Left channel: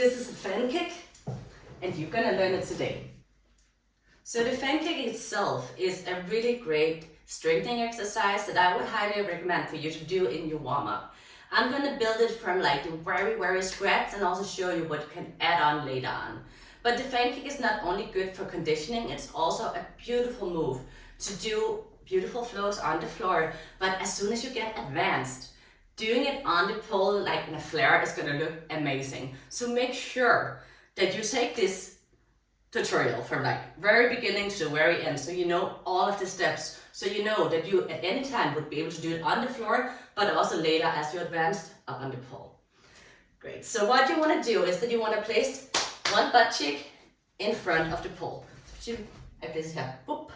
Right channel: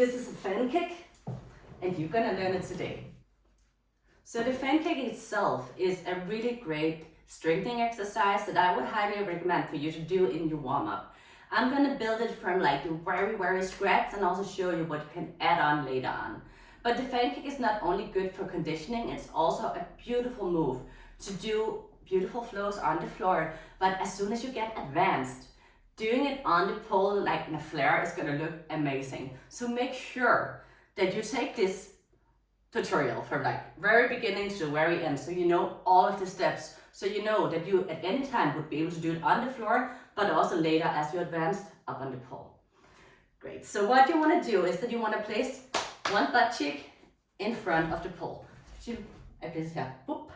This is a fan kick, and you're gonna learn it today. So the fan kick itself is a really great strengthening exercise that I would highly recommend for you to do in your warm-up. I'm gonna build it from like the very scratch and also show you what you can add on later on. But the fan kick is not only good for conditioning, it's also a beautiful move to do beautiful flows on the floor. But as soon as you get advanced, doing it on the pole like in a flare is gonna look amazing. So make sure that you take this tutorial from like very beginning to the very end, so you know all of the steps, so you know that you at any time would be able to do it on the floor, but also later as you advance up on the pole. Great, so what you want to do is that you want to place one butt cheek in front of the pole. I place here. Boop.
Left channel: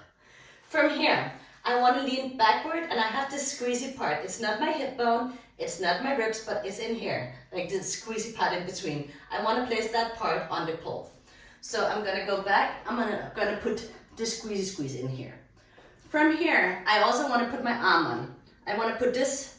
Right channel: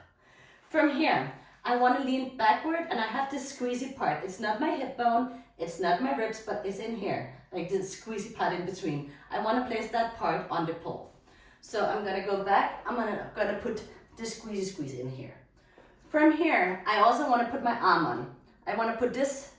From here, I want to lean backward and I have this squeezy part. It's not my hip bone, it's not my ribs, but it's in here, like this squeezy part in between. I want to place that part on the pole. So I'm gonna go back, I'm gonna put the squeeze in here. From here, I also wanna put my arm on. I wanna put this,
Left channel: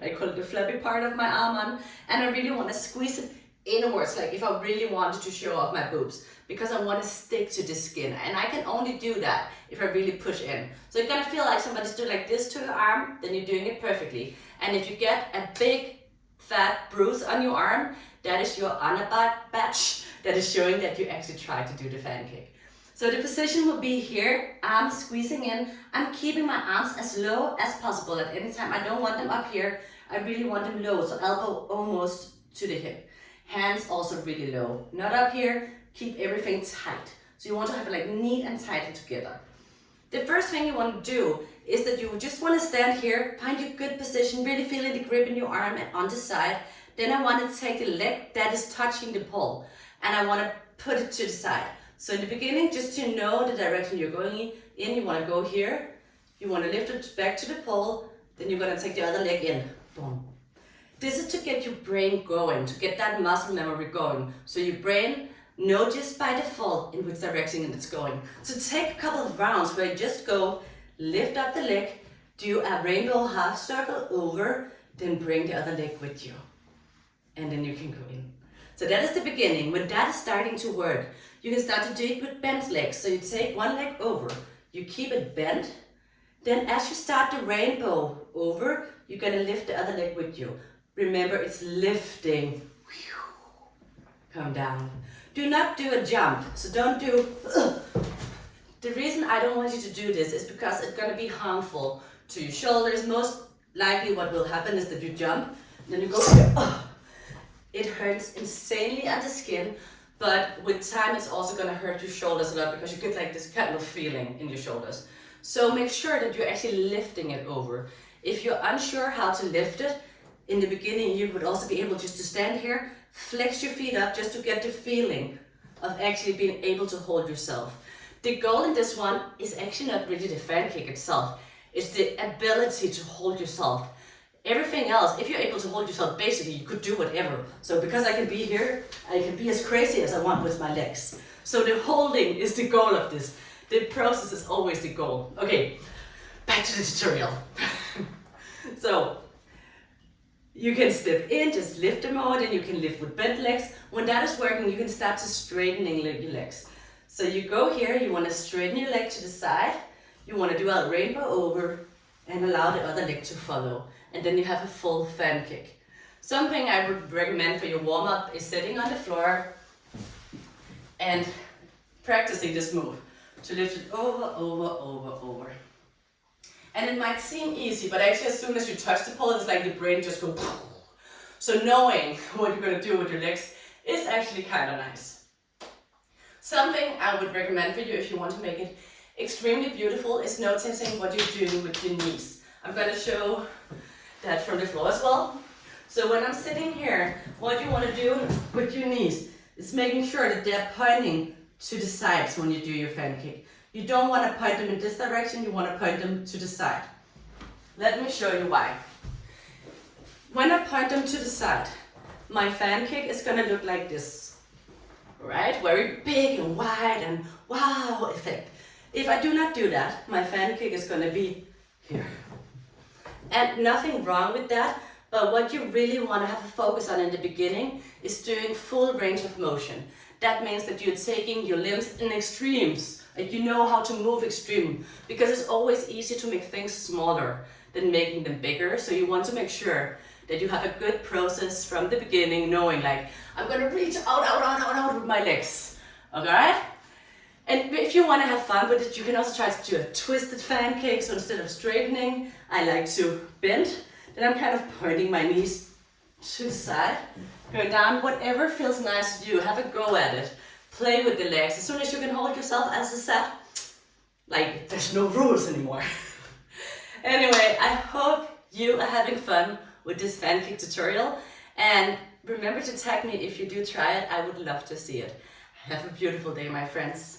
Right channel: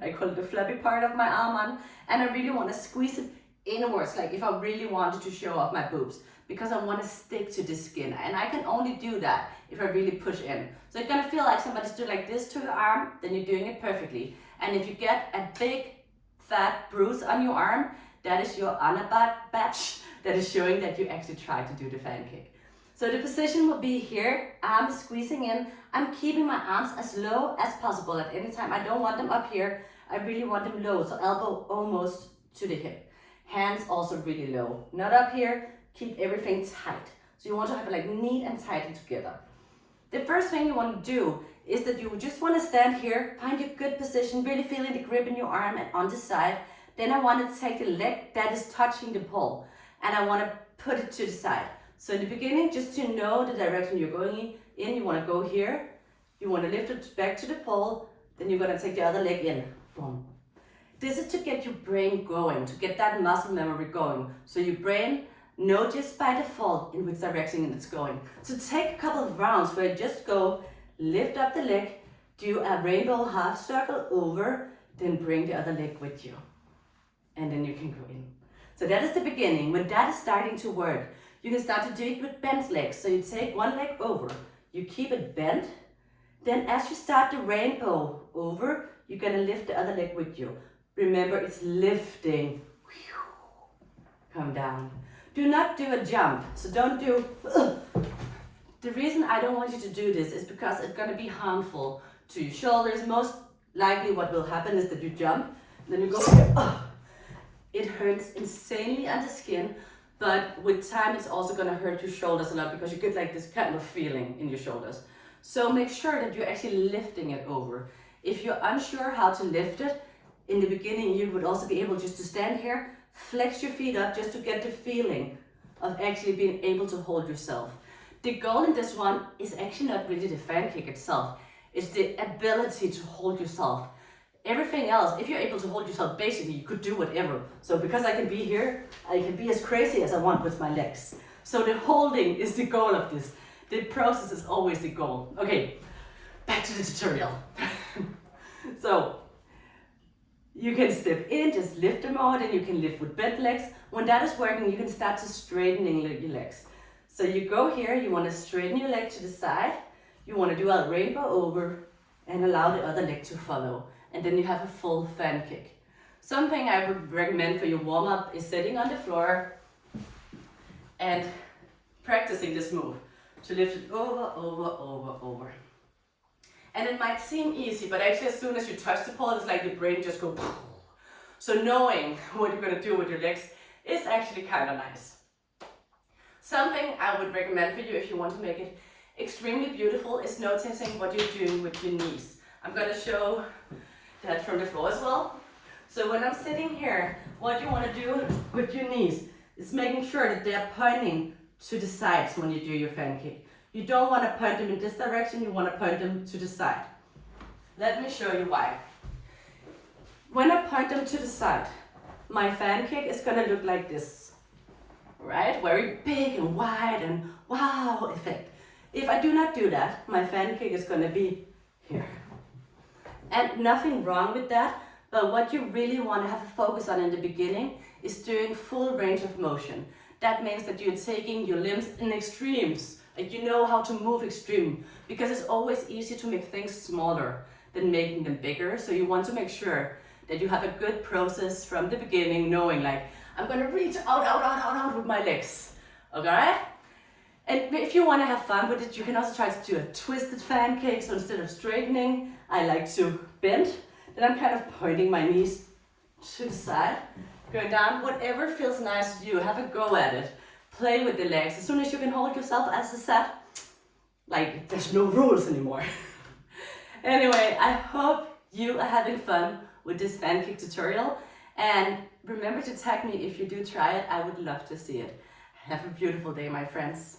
I call it the flappy part of my arm on, and I really wanna squeeze it inwards, like if I really wanted to show off my boobs, because I wanna stick to the skin, and I can only do that if I really push in. So you're gonna feel like somebody's doing like this to your arm, then you're doing it perfectly. And if you get a big fat bruise on your arm, that is your honor badge. That is showing that you actually tried to do the fan kick. So the position will be here, arms squeezing in. I'm keeping my arms as low as possible at any time. I don't want them up here. I really want them low, so elbow almost to the hip. Hands also really low, not up here. Keep everything tight. So you want to have it like neat and tight and together. The first thing you want to do is that you just want to stand here, find a good position, really feeling the grip in your arm and on the side. Then I want to take the leg that is touching the pole, and I want to put it to the side. So in the beginning, just to know the direction you're going in, you want to go here, you want to lift it back to the pole, then you're going to take the other leg in. Boom. This is to get your brain going, to get that muscle memory going. So your brain knows just by default in which direction it's going. So take a couple of rounds where you just go, lift up the leg, do a rainbow half circle over, then bring the other leg with you. And then you can go in. So that is the beginning. When that is starting to work, you can start to do it with bent legs. So you take one leg over, you keep it bent. Then as you start the rainbow over, you're gonna lift the other leg with you. Remember, it's lifting. Come down. Do not do a jump. So don't do, The reason I don't want you to do this is because it's gonna be harmful to your shoulders. Most likely what will happen is that you jump, then you go here. It hurts insanely on the skin, but with time it's also gonna hurt your shoulders a lot because you get like this kind of feeling in your shoulders. So make sure that you're actually lifting it over. If you're unsure how to lift it, in the beginning you would also be able just to stand here, flex your feet up just to get the feeling of actually being able to hold yourself. The goal in this one is actually not really the fan kick itself, it's the ability to hold yourself. Everything else, if you're able to hold yourself, basically you could do whatever. So because I can be here, I can be as crazy as I want with my legs. So the holding is the goal of this. The process is always the goal. Okay, back to the tutorial. So you can step in, just lift them out, and you can lift with bent legs. When that is working, you can start to straightening your legs. So you go here, you want to straighten your leg to the side. You want to do a rainbow over and allow the other leg to follow. And then you have a full fan kick. Something I would recommend for your warm-up is sitting on the floor and practicing this move to lift it over. And it might seem easy, but actually as soon as you touch the pole, it's like the brain just goes. So knowing what you're gonna do with your legs is actually kind of nice. Something I would recommend for you if you want to make it extremely beautiful is noticing what you're doing with your knees. I'm gonna show that from the floor as well. So when I'm sitting here, what you want to do with your knees is making sure that they're pointing to the sides when you do your fan kick. You don't want to point them in this direction, you want to point them to the side. Let me show you why. When I point them to the side, my fan kick is going to look like this, right? Very big and wide and wow effect. If I do not do that, my fan kick is going to be here. And nothing wrong with that, but what you really want to have a focus on in the beginning is doing full range of motion. That means that you're taking your limbs in extremes, like you know how to move extreme, because it's always easier to make things smaller than making them bigger. So you want to make sure that you have a good process from the beginning, knowing like, I'm gonna reach out with my legs, okay? And if you wanna have fun with it, you can also try to do a twisted fan cake. So instead of straightening, I like to bend. Then I'm kind of pointing my knees to the side, going down, whatever feels nice to you, have a go at it. Play with the legs. As soon as you can hold yourself as a set, like there's no rules anymore. Anyway, I hope you are having fun with this fan cake tutorial, and remember to tag me if you do try it. I would love to see it. Have a beautiful day, my friends.